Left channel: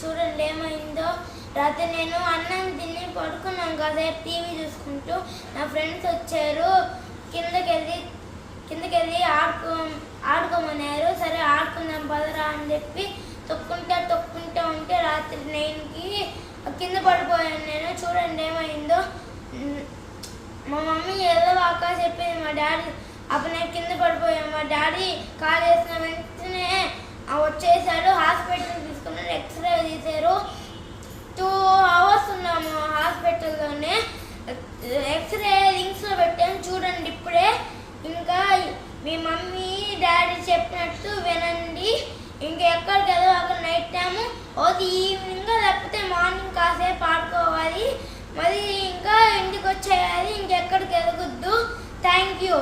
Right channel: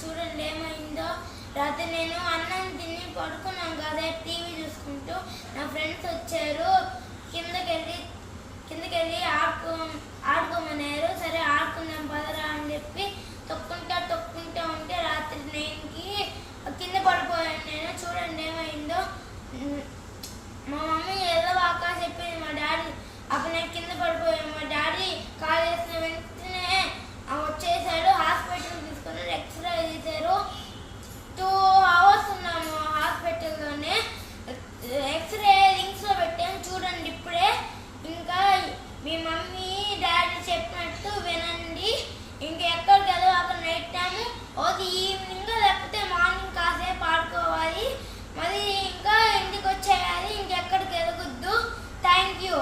చూడండి ఏమైందో? రాత్రి నేను అన్నం తిని పడుకున్నాను కదా టీవీ చూసుకుంటూ. నా ఫ్రెండ్స్ వచ్చారు. కిందకి వెళ్ళి కిందకి వెళ్ళి ఆడుకో ఆడుకోమన్నారు. సరే ఆడుకుందాం పదరా అని చెప్పి తొక్కుంటా తొక్కుంటా ఉంటే రాత్రి నైన్కి కింద పడిపోయాను నేను. చూడండి ఏమైందో? మా మమ్మీ ఏదో వాకా చెప్పింది మా డాడీ అప్పుడు నేను కింద పడిపోయాను. మా డాడీ కాలేజ్ మీ మమ్మీ డాడీ చెప్పినట్టు వినండి. ఇంకెక్కడికి వెళ్ళదు అక్కడ నైట్ టైము అది ఈవినింగ్ లేకపోతే మార్నింగ్ కాసేపు ఆడుకోవాలి. మరి ఇంకా ఇంటికి వచ్చేయాలి. ఇంకెక్కడికి వెళ్ళగొద్దు థ్యాంక్ యూ